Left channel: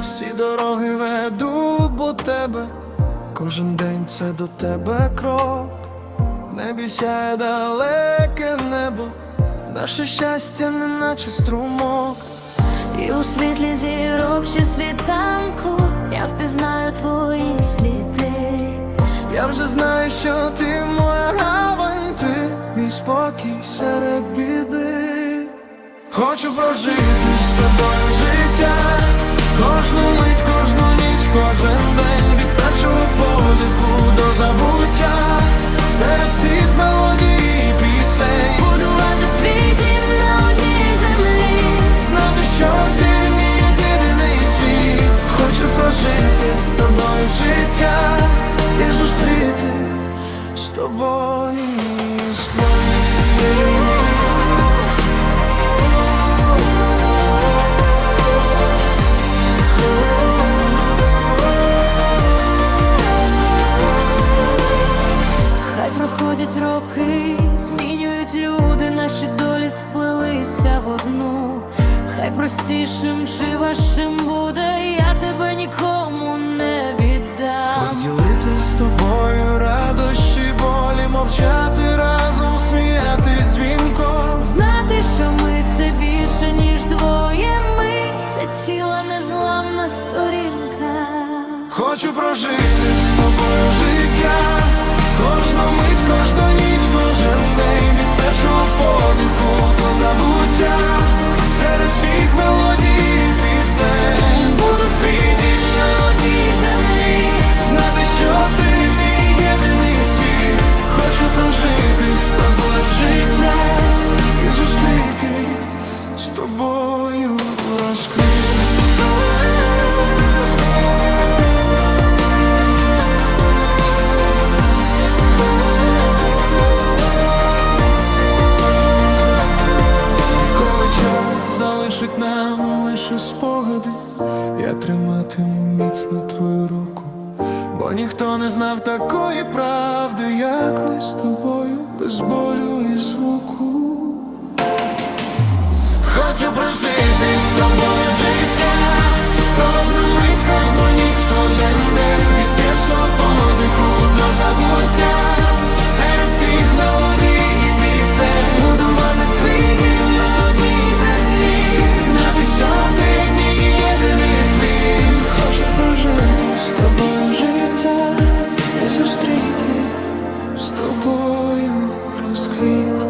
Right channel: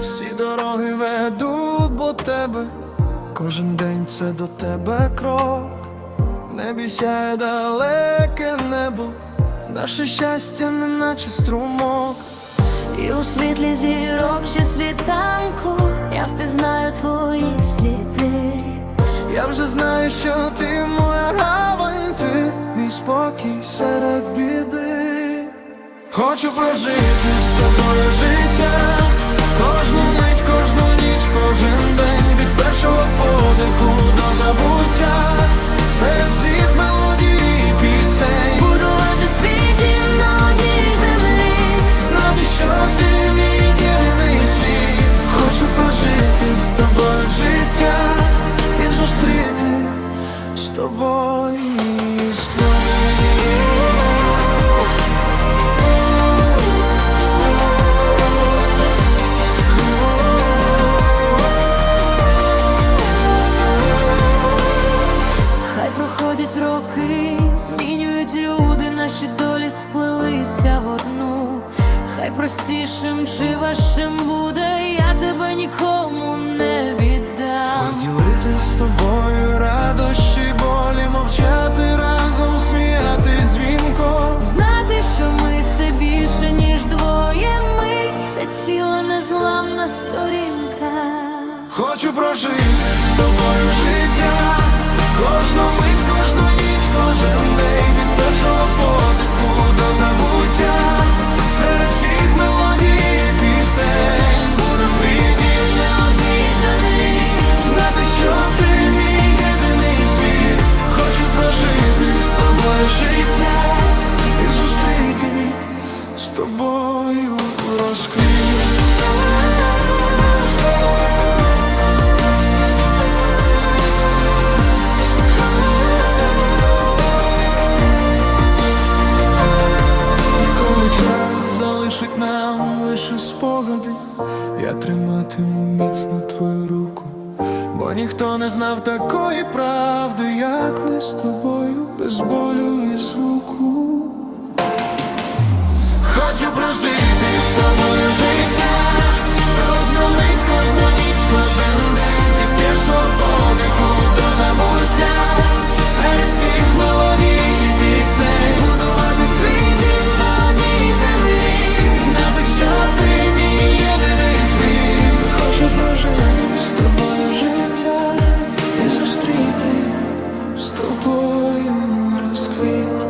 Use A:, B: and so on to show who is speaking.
A: всі дороги ведуть до тебе, кожен день це до тебе крок, в небі сяє далеке небо, наше щастя, не наче струмок.
B: І у світлі зірок чи світанку я впізнаю твої сліди.
A: Я вже знаю, що ти моя гавань, ти мій спокій серед біди. Хочу прожити подиху до забуття, серед всіх мелодій і пісень.
B: Будувати свій дім на одній землі.
A: Знати, що ти мій єдиний світ Хочу прожити з тобою життя І зустріти з тобою і
B: проходять роки, змінюють люди, наші долі сплелися в одну. Хай простішим чи важчим буде, я тебе нікому не віддам.
A: Розділити з тобою радощі, болі, мовчати разом, сміятись дзвінко
B: Знати, що ми це більше, ніж двоє ми, це ціла незламна сторінка.
A: Хочу прожити подиху до забуття, серед всіх мелодій пісень буду світів на одній землі, знати, що ти мій єдиний світ. Хочу прожити з тобою життя і зустріти з тобою розквіт. Залишить нам лише спогади, я триматиму міцно твою руку, бо ніхто не знав такої правди, як ми з тобою, без болю і звуку. Хочу прожити з тобою життя, кожну мить, кожну ніч, кожен день зустріти з тобою розквіт.